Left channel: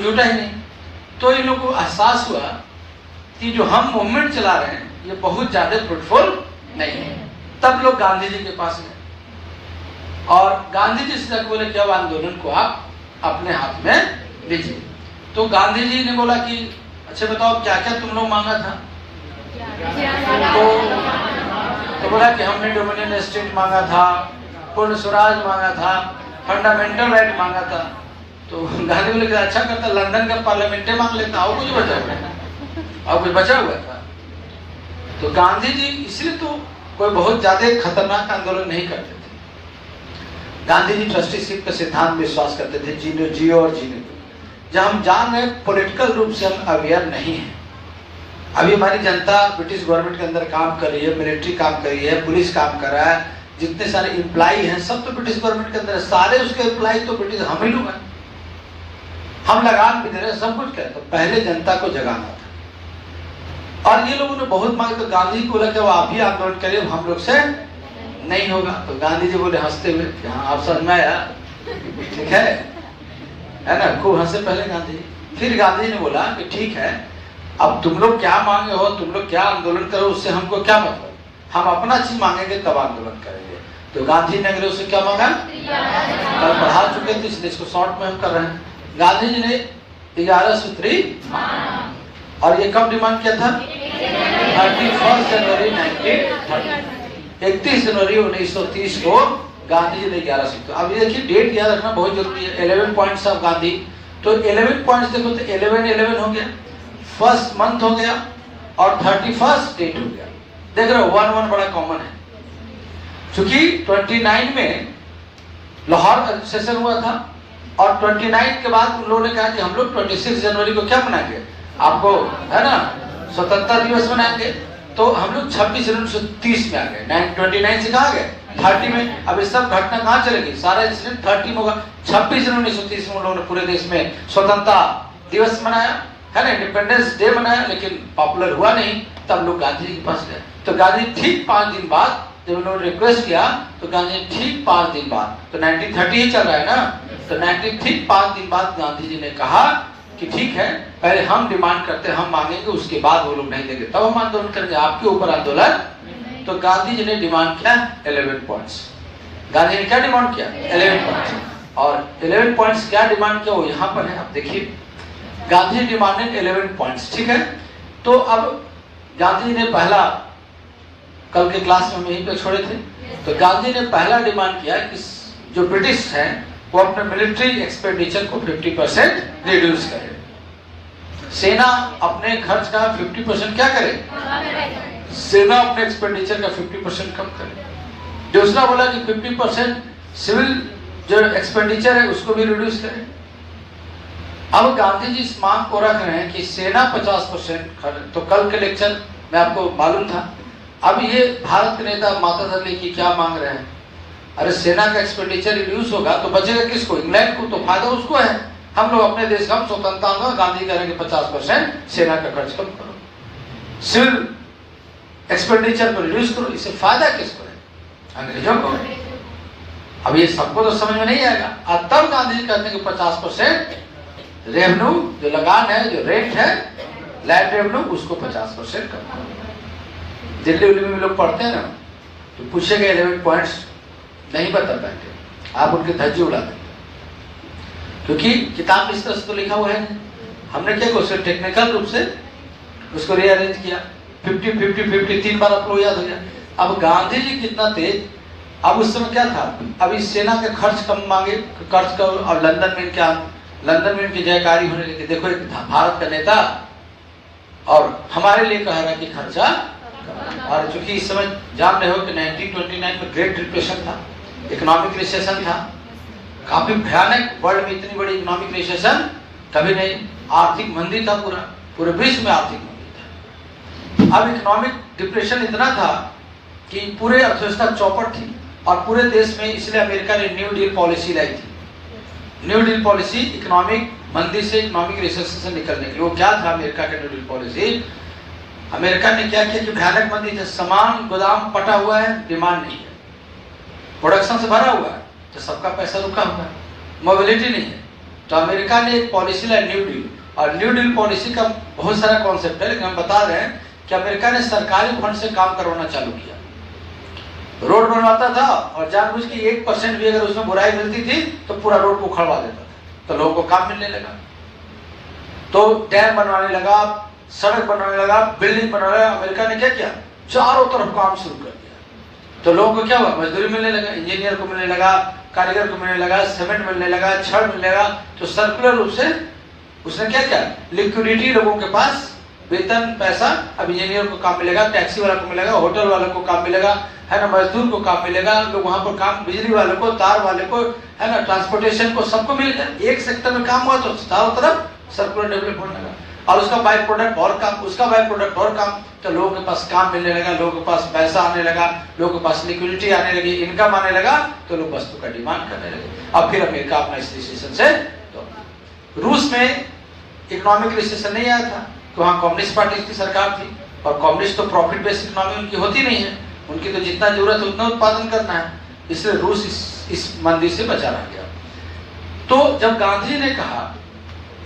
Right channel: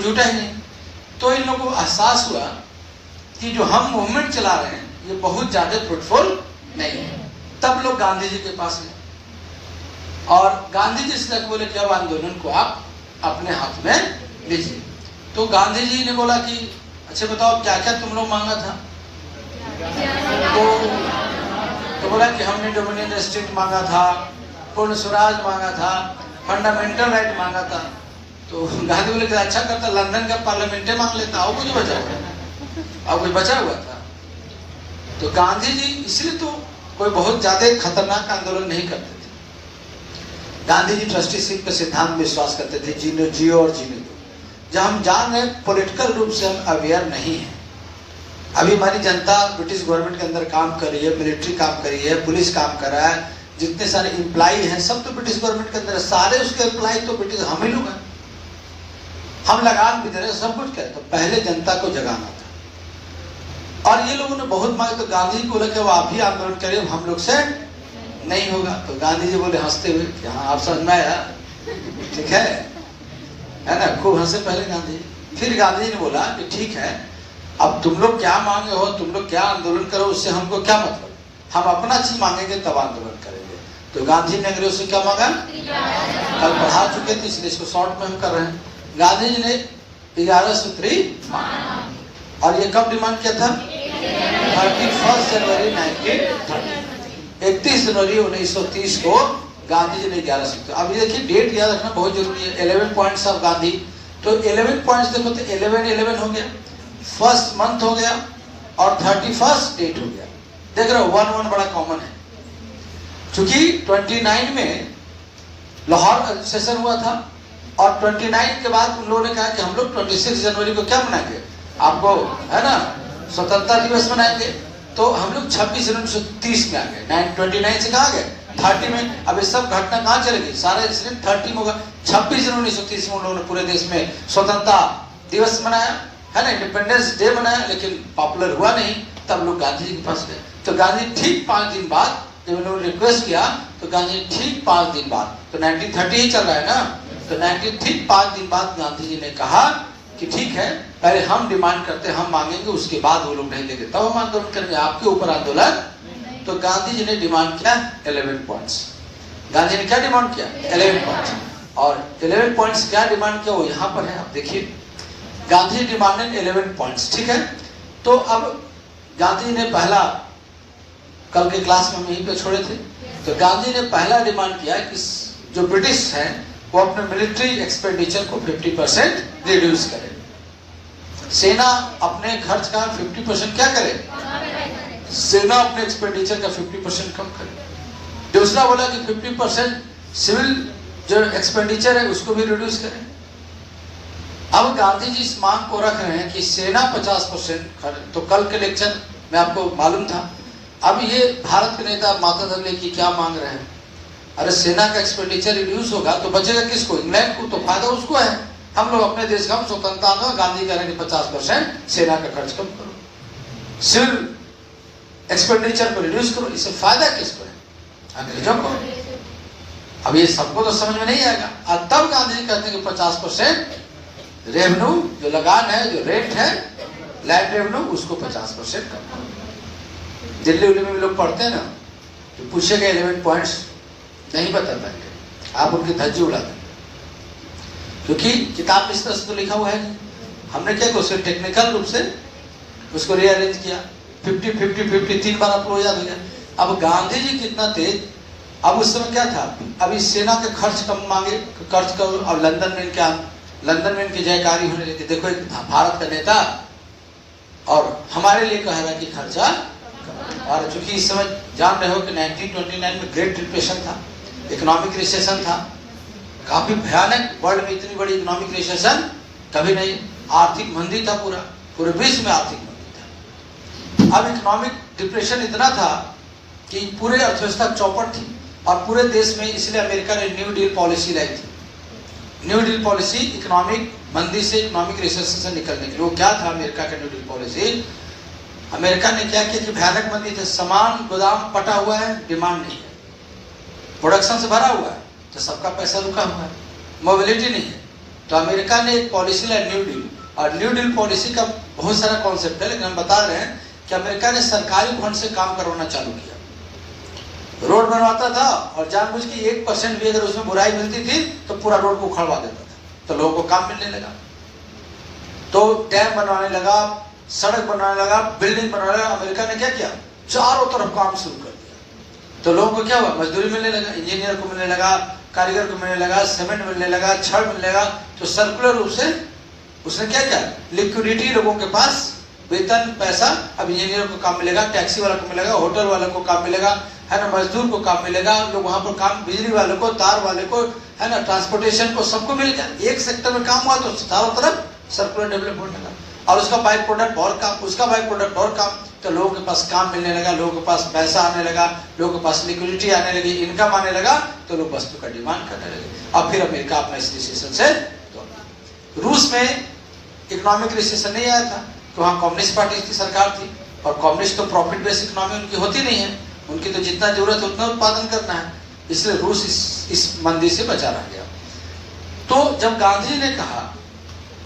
कुछ जुटा ही नहीं। तो इन लोगों को एहसास हुआ कि जो हम मूवमेंट चला रहे हैं ये बहुत ज्यादा फ्रूटफुल नहीं है। तब लोग गांधी जी के पास गए और गांधी जी से बोले कि अब आंदोलन को आप अपने हाथ में लीजिए। तो गांधी जी ने बोला कि अच्छा बताओ क्या क्या तुम लोग मांगा था। तो बोला कि हमने डोमिनियन स्टेट मांगा था, पूर्ण स्वराज मांगा था, फंडामेंटल राइट मांगा था। तो गांधी बोले कि अच्छा करता लंदन का पार्लियामेंट मांग लेता, और कुछ बचा हुआ, और कुछ बचा हुआ था। तो गांधी जी इसलिए तो कोई बहुत ज्यादा खतरनाक आंदोलन नहीं करते थे। गांधी जी ट्रस्टीशिप के सिद्धांत में विश्वास करते थे, जीने जियो और जीने दो। जब हम जान रहे पॉलिटिकल रूप से हम अवेयर नहीं है। अभी हमारी जनता ब्रिटिश गवर्नमेंट के अंदर काम कर रही है, मिलिट्री काम कर रही है, पुलिस काम कर रहा है, जितने सारे एम्प्लॉई हैं सब तो ब्रिटिश गवर्नमेंट के अंदर है, सारे उसके एम्प्लॉई तो ब्रिटिश हम ही लोग हैं। हम लगान भी दे रहे हैं, सब कुछ करें। तो पहले जनता को जगाना था और ये लोगों ने बहुत मांगा। तो गांधी को बोला कि आप ही आंदोलन करिए, हम लोग से नहीं होगा। तो गांधी जी बोले हंसते हुए कि हाँ आप समझ में आया, ठीक है ना, खूब हंसे पहले गांधी। फिर गांधी जी ने बोला कि ठीक है, अब तुम लोग क्या मांगे हो, तुम लोग क्या आंदोलन करो, उससे हमको क्या मतलब, हम अपना चीज मांगेंगे तब आंदोलन करेंगे। तो गांधी ने अंग्रेजों से क्या मांगा, कल पढ़ा चुके थे इसलिए इसको शॉर्ट में हम कर रहे हैं। गांधी जी ने 11 सूत्री, और ये कब डिमांड किया था, 31 जनवरी 1930, 31 जनवरी 1930 को गांधी जी ने 11 सूत्र। अब ये देखिए डेट याद रखना बहुत जरूरी है। 11 पॉइंट्स ऑफ गांधी। तो 11 पॉइंट्स देखो तो 11 हो गया, फर्स्ट मंथ हो गया और 31 डेट हो गया। देख रहे हो 1 बड़ा कॉमन है। क्योंकि 29 में लाहौर सेशन हुआ था और 29 के बाद उन लोगों ने कहा कि हम लोग 26 जनवरी को क्या मनाएंगे, आपको है ना स्वतंत्रता दिवस मनाएंगे। तो हम लोग 26 जनवरी 1930 में आ गए। 29 से कहा गए 30 में। अब ये सब घटना कहाँ चलेगी, सारा इंसिडेंट 30 में होगा। 26 जनवरी 1930 में उन लोगों ने पूरे देश में स्वतंत्रता दिवस मनाया, है ना, इंडिपेंडेंस डे मनाया, लेकिन पॉपुलर हुआ नहीं। तब लोग गांधी जी के पास गए। तो गांधी ठीक 5 दिन बाद जब उन्होंने रिक्वेस्ट किया तो गांधी ठीक 5 दिन बाद, तो 1930 ही चल रहा है ना, तो 19 ठीक 5 दिन बाद गांधी जी ने कहा कि ठीक है पहले हम डिमांड करते हैं, हम मांगेंगे, उसके बाद वो लोग नहीं देंगे तब हम आंदोलन करेंगे, आपके ऊपर आंदोलन। तो गांधी जी ने डिमांड किया 11 पॉइंट्स। गांधी ने क्या डिमांड किया, 11 पॉइंट्स। और 11 पॉइंट्स क्या डिमांड किया वो यहाँ पर है, आप देखिए। गांधी जी डिमांडेड 11 पॉइंट्स, ठीक है। तो अब गांधी जी ने पहला, कल के क्लास में हम यहीं पे छोड़े थे, तो गांधी ने पहला डिमांड किया कि जो ब्रिटिश है वो अपने मिलिट्री एक्सपेंडिचर को 50% रिड्यूस करे। सेना अपने खर्च का 50% क्या करे, सेना अपने एक्सपेंडिचर का 50% कम करे। दूसरा बोला कि 50% सिविल जो एक्सपेंडिचर है उसको भी रिड्यूस करें। अब गांधी जी इस मांग को रख रहे हैं कि सेना 50%। तो कल के लेक्चर में आपको मालूम था। अब ये भारत के नेता माता दल्ली की क्या मांग रहे हैं, अरे सेना का एक्सपेंडिचर रिड्यूस होगा तो बचेगा किसको, इंग्लैंड को, तो फायदा उसको है। हम लोग अपने देश का स्वतंत्रता में, गांधी करेंगे 50% सेना का खर्च कम करो, सिविल एक्सपेंडिचर को रिड्यूस करो, इससे फायदा किसको है, अंग्रेजों को। अब ये सबको तो समझ में नहीं आएगा। और तब गांधी जी कहते हैं कि 50% रेवेन्यू जो लगान है, जो रेंट है, लैंड रेवेन्यू, उसको 50% कम करो। दिल्ली उल्ली में भी लोग पढ़ते हैं ना, तो पूछेगा 11 पॉइंट्स नहीं बता पाएंगे, आप उनकी धज्जी उड़ा देंगे, क्योंकि किताब में इस तरह से तो लिखा हुआ है। हमने क्या किया, टेक्निकल रूप से उसको रीअरेंज किया, 50-50-50 3 बार आपको याद हो गया। अब गांधी जी कितना तेज, अब उस समय क्या था, अभी सेना के खर्च कम मांगे, खर्च करो, और लंदन में इनकी जयकारी होने लगी। देखो एक भारत का नेता और हमारे लिए कह रहा है कि खर्चा। और चूंकि इस समय जान रहे हो कि 1929 में ग्रेट डिप्रेशन था, इकोनॉमिक रिसेशन था, काफी भयानक, वर्ल्ड में इतनी बड़ी इकोनॉमिक रिसेशन कभी नहीं, आर्थिक मंदी था, पूरे विश्व में आर्थिक मंदी था। अब इकोनॉमिक डिप्रेशन इतना था कि पूरे अर्थव्यवस्था चौपट थी और पूरे देश में, इसलिए अमेरिका ने न्यू डील पॉलिसी लाई थी। न्यू डील पॉलिसी इकोनॉमिक मंदी से, इकोनॉमिक रिसेशन से निकलने के लिए। वो क्या था अमेरिका का न्यू डील पॉलिसी, अमेरिका ने क्या किया कि भयानक मंदी थे, सामान गोदाम पटा हुआ है, डिमांड नहीं है, प्रोडक्शन से भरा हुआ है, तो सबका पैसा रुका हुआ है, मोबिलिटी नहीं है, तो अमेरिका ने एक पॉलिसी लाई न्यू डील, और न्यू डील पॉलिसी का बहुत सारा कॉन्सेप्ट है, लेकिन हम बता रहे हैं कि अमेरिका ने सरकारी फंड से काम करवाना चालू किया। रोड बनवाता था और जानबूझ के 1% भी अगर उसमें बुराई मिलती थी तो पूरा रोड को उखड़वा देता था, तो लोगों को काम मिलने लगा। तो डैम बनवाने लगा, सड़क बनवाने लगा, बिल्डिंग बनवाने लगा। अमेरिका ने क्या किया, चारों तरफ काम शुरू कर दिया। तो लोगों को क्या हुआ, मजदूरी मिलने लगा, इंजीनियर को मिलने लगा, कारीगर को मिलने लगा, सीमेंट मिलने लगा, छड़ मिलने लगा। तो सर्कुलर रूप से उसने क्या किया, लिक्विडिटी, लोगों के पास वेतन पैसा, अब इंजीनियर को काम मिलेगा, टैक्सी वाले को मिलेगा, होटल वाले को काम मिलेगा, है ना, मजदूर को काम मिलेगा, लोग वहां पर काम, बिजली वाले को, तार वाले को, है ना, ट्रांसपोर्टेशन को, सबको मिल गया। एक सेक्टर में काम हुआ तो चारों तरफ सर्कुलर डेवलपमेंट लगा, और उसका बाई प्रोडक्ट और काम, उसका बाई प्रोडक्ट और काम। तो लोगों के पास काम मिलने लगा, लोगों के पास पैसा आने लगा, लोगों के पास लिक्विडिटी आने लगी, इनकम आने लगा, तो लोग वस्तु का डिमांड करने लगे। अब फिर अमेरिका अपना इस रिसेशन से, तो रूस में इकोनॉमिक रिसेशन नहीं आया था कि वहाँ कम्युनिस्ट पार्टी की सरकार थी, और कम्युनिस्ट तो प्रॉफिट बेस्ड इकोनॉमी उनकी होती नहीं है, उनकी तो जितना जरूरत है उतना उत्पादन करना है, इसलिए रूस इस मंदी से बचा रह गया। तो जब गांधी ने कहा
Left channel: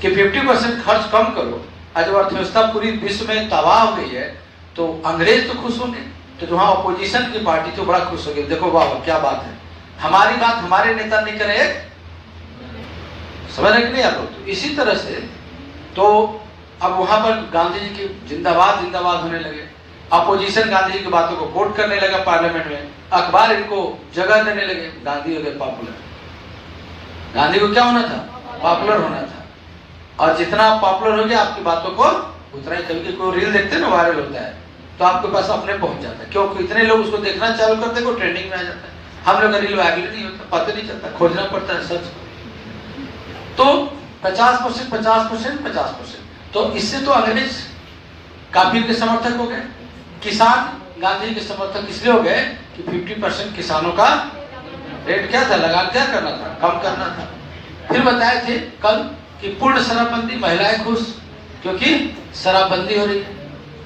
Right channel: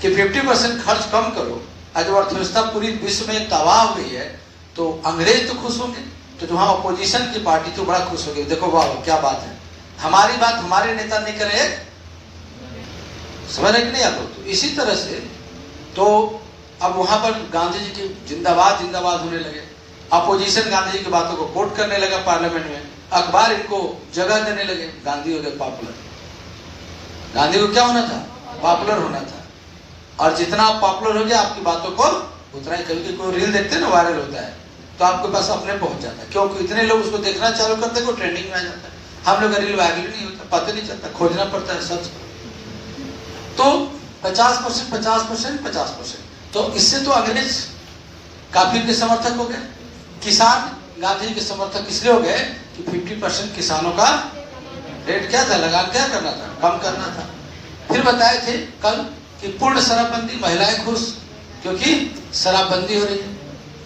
कि 50% खर्च कम करो, आज अर्थव्यवस्था पूरी विश्व में तबाह हो गई है, तो अंग्रेज तो खुश होंगे, तो जो वहाँ अपोजिशन की पार्टी तो बड़ा खुश होगी, देखो वाह क्या बात है, हमारी बात हमारे नेता नहीं करे, समझ रहे कि नहीं आप लोग। तो इसी तरह से तो अब वहां पर गांधी जी की जिंदाबाद जिंदाबाद होने लगे, अपोजिशन गांधी जी की बातों को कोट करने लगा पार्लियामेंट में, अखबार इनको जगह देने लगे, गांधी हो गए पॉपुलर। गांधी को क्या होना था, पॉपुलर होना था, और जितना पॉपुलर हो गया आपकी बातों को उतना ही, कभी कोई रील देखते ना वायरल होता है तो आपके पास अपने पहुंच जाता है, क्योंकि इतने लोग उसको देखना चालू करते हैं, ट्रेंडिंग में आ जाता है। हम लोग का रील वायरल नहीं होता, पता नहीं चलता, खोजना पड़ता है सच। तो 50%, 50%, 50%, तो इससे तो अंग्रेज काफी के समर्थक हो गए, किसान गांधी के समर्थक इसलिए हो गए कि 50% किसानों का रेट क्या था, लगान क्या करना था, कम करना था। फिर बताए थे कल कि पूर्ण शराबबंदी, महिलाएं खुश क्योंकि शराबबंदी हो रही है,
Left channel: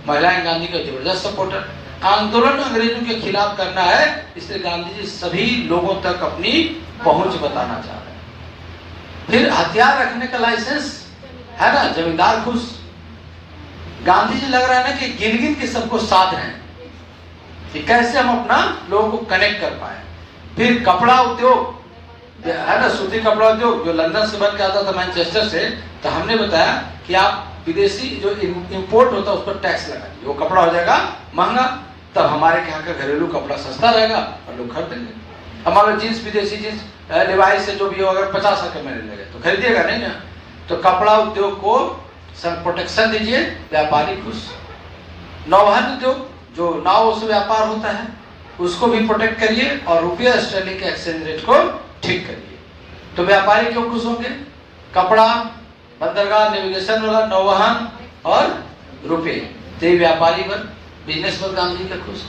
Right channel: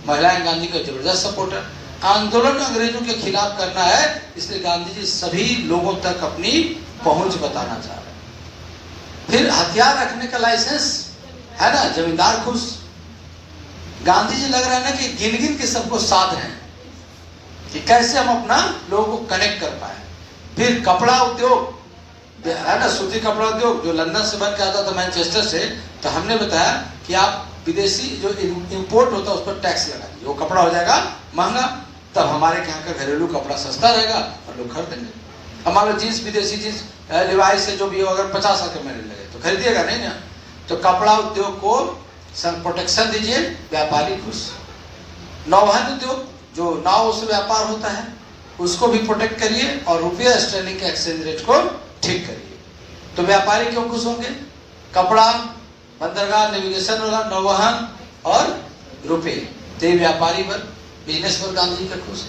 महिलाएं गांधी का जबरदस्त सपोर्टर। आंदोलन अंग्रेजों के खिलाफ करना है, इसलिए गांधी जी सभी लोगों तक अपनी पहुंच बताना चाह रहे हैं। फिर हथियार रखने का लाइसेंस, है ना, जमींदार खुश। गांधी जी लग रहा है ना कि गिन गिन के सबको साध रहे हैं कि कैसे हम अपना लोगों को कनेक्ट कर पाए। फिर कपड़ा उद्योग, है ना, सूती कपड़ा उद्योग जो लंदन से बन के आता था, मैनचेस्टर से, तो हमने बताया कि आप विदेशी जो इंपोर्ट होता है उस पर टैक्स लगा दीजिए, वो कपड़ा हो जाएगा महंगा, तब हमारे यहाँ का घरेलू कपड़ा सस्ता रहेगा और लोग खरीदेंगे। हमारा जींस, विदेशी जींस, लिवाई से जो भी हो, अगर 50 के मिलने लगे तो खरीदिएगा नहीं ना। तो कपड़ा उद्योग को प्रोटेक्शन दीजिए, व्यापारी खुश। नौवहन उद्योग जो नाव से व्यापार होता है उसको भी प्रोटेक्ट करिए, और रुपया स्टर्लिंग के एक्सचेंज रेट को ठीक करिए, तो व्यापारी क्यों खुश होंगे। कपड़ा, बंदरगाह, नेविगेशन वाला, नौवहन और रुपये, तो व्यापारी पर, बिजनेस पर गांधी का खुश।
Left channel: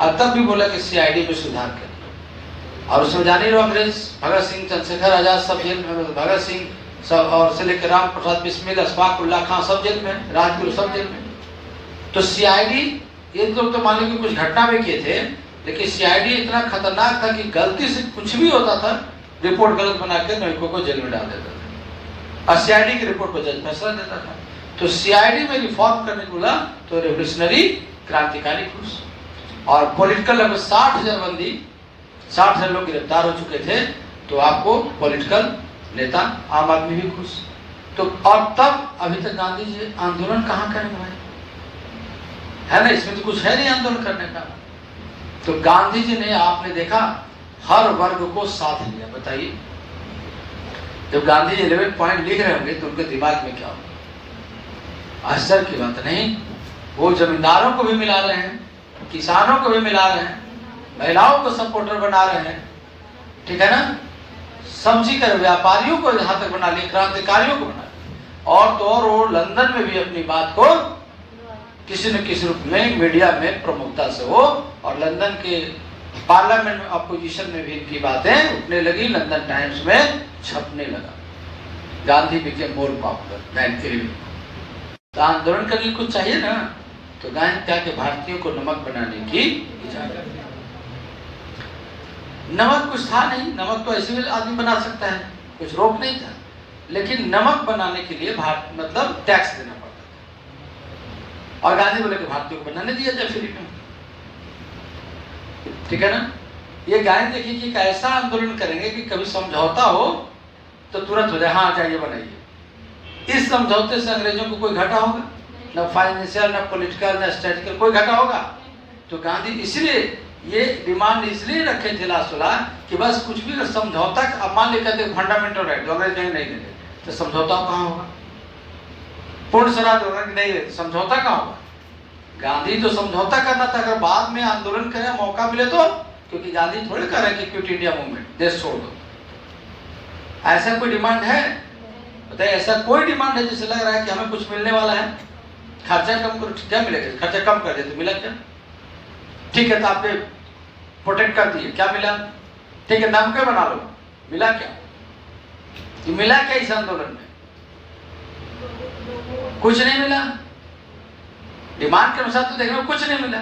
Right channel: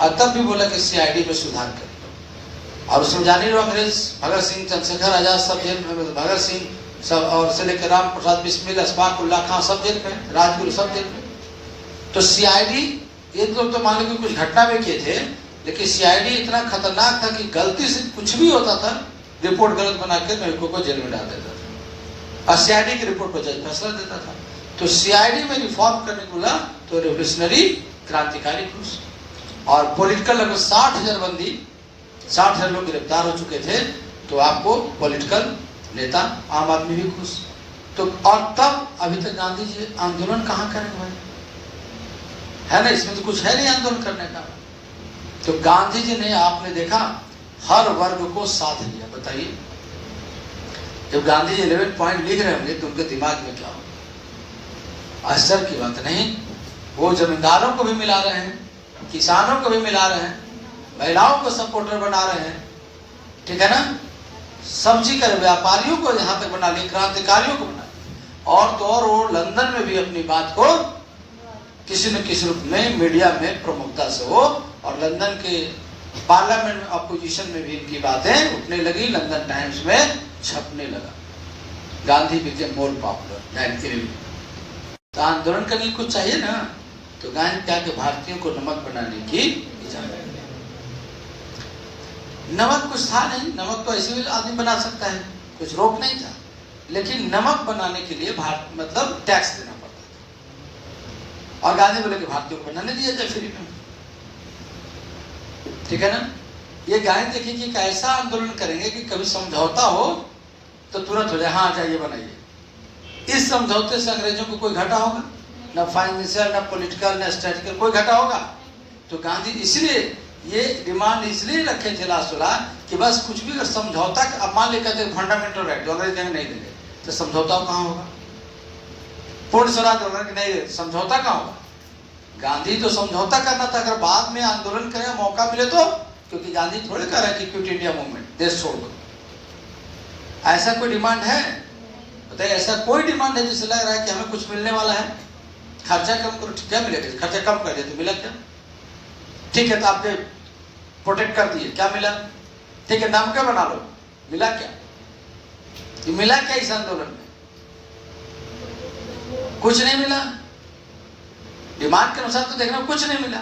और तब भी बोला कि CID में सुधार करिए, और उसमें जाने रहो अंग्रेज, भगत सिंह, चंद्रशेखर आजाद सब जेल में, भगत सिंह सब, और से लेकर राम प्रसाद बिस्मिल, अशफाक उल्ला खां सब जेल में, राजगुरु सब जेल में। तो CID, ये लोग तो मान लो कि कुछ घटना में किए थे, लेकिन CID इतना खतरनाक था कि गलती से कुछ भी होता था, रिपोर्ट गलत बना के नायकों को जेल में डाल देता था, और CID की रिपोर्ट पर जज फैसला देता था। तो CID में रिफॉर्म करने को बोला तो रेवोल्यूशनरी, क्रांतिकारी खुश। और पॉलिटिकल लगभग 60,000 बंदी, 60,000 लोग गिरफ्तार हो चुके थे, तो आपको पॉलिटिकल नेता, आम आदमी भी खुश। तो और तब अभी तक गांधी जी आंदोलन कहाँ करेंगे भाई, है ना, इसमें तो कुछ है नहीं आंदोलन करने का। तो गांधी जी ने, आपने देखा, हर वर्ग को साथ लिया। बताइए, जब गांधी जी 11 पॉइंट लिख रहे होंगे तो उनके दिमाग में क्या हो, आश्चर्य की बात नहीं। वो जमींदारों को भी मिला रहे हैं, किसानों को भी मिला रहे हैं, महिलाओं को सपोर्टर बना रहे हैं, ठीक है ना, सब्जी का व्यापारियों को यहाँ तक बना लिया, क्रांतिकारियों को बना, और तो और वो लंदन में भी अपनी बात को किसी न किसी रूप में मीडिया में प्रमुखता से हो, और लंदन के पार्लियामेंट में, अपोजिशन में भी इनकी बातें उठने लगी, लंदन टाइम्स में छपने लगा। Gandhi became more popular. तो आंदोलन करने को कुछ चाहिए ना, तो गांधी क्या के भारतीयों को नमक बनाने की इजाजत। नमक कुछ था नहीं, नमक तो ऐसे भी आदमी बना सकता है, कुछ रोक नहीं था, लेकिन नमक बनाने के लिए भारत मतलब टैक्स देना पड़ता था। और गांधी बोले कि भारतीयों को बनाने दिया जाए फ्री में, ठीक है ना। ये गांधी देखिए कि कैसा आंदोलन करेंगे कि कभी समझौता हो तो तुरंत हो जाए, हाँ जाइए बनाइए। इस समझौते से अंग्रेजों को कोई घाटा होगा? न फाइनेंशियल, न पॉलिटिकल, न स्ट्रेटेजिकल, कोई घाटा होगा? तो गांधी इसलिए ये डिमांड इसलिए रखे थे लास्ट कि बस कुछ भी अगर समझौता, अब मान लेकर कहते फंडामेंटल राइट जो अंग्रेज नहीं देंगे तो समझौता कहाँ होगा? पूर्ण स्वराज होगा कि नहीं देते, समझौता कहाँ होगा? गांधी तो समझौता करना था, अगर बाद में आंदोलन करें मौका मिले तो, क्योंकि गांधी थोड़े कर रहे हैं कि क्विट इंडिया मूवमेंट, देश छोड़ दो। ऐसा कोई डिमांड है? बताइए, ऐसा कोई डिमांड है जिससे लग रहा है कि हमें कुछ मिलने वाला है? खर्चा कम करो, क्या मिलेगा? खर्चा कम कर दे तो मिला क्या? ठीक है, तो आपने प्रोटेक्ट कर दिए, क्या मिला? ठीक है, नमक बना लो, मिला क्या? ये मिला क्या इस आंदोलन में? कुछ नहीं मिला। डिमांड के अनुसार तो देखना कुछ नहीं मिला,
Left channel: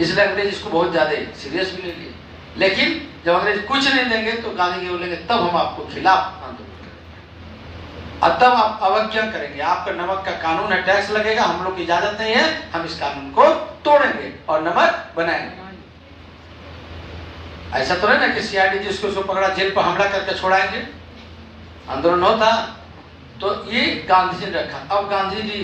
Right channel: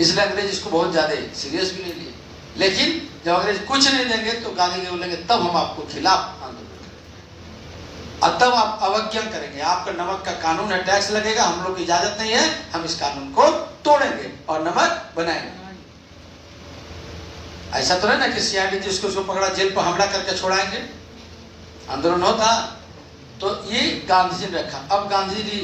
इसलिए अंग्रेज इसको बहुत ज्यादा सीरियस भी ले लिए। लेकिन जब अंग्रेज कुछ नहीं देंगे तो गांधी जी बोलेंगे तब हम आपको खिलाफ आंदोलन करेंगे, और तब आप अवज्ञा करेंगे। आपका नमक का कानून है, टैक्स लगेगा, हम लोग की इजाजत नहीं है, हम इस कानून को तोड़ेंगे और नमक बनाएंगे। ऐसा तो नहीं ना कि सीआईडी जिसको पकड़ा जेल पर हमला करके छोड़ाएंगे। आंदोलन होता तो ये गांधी जी ने रखा। अब गांधी जी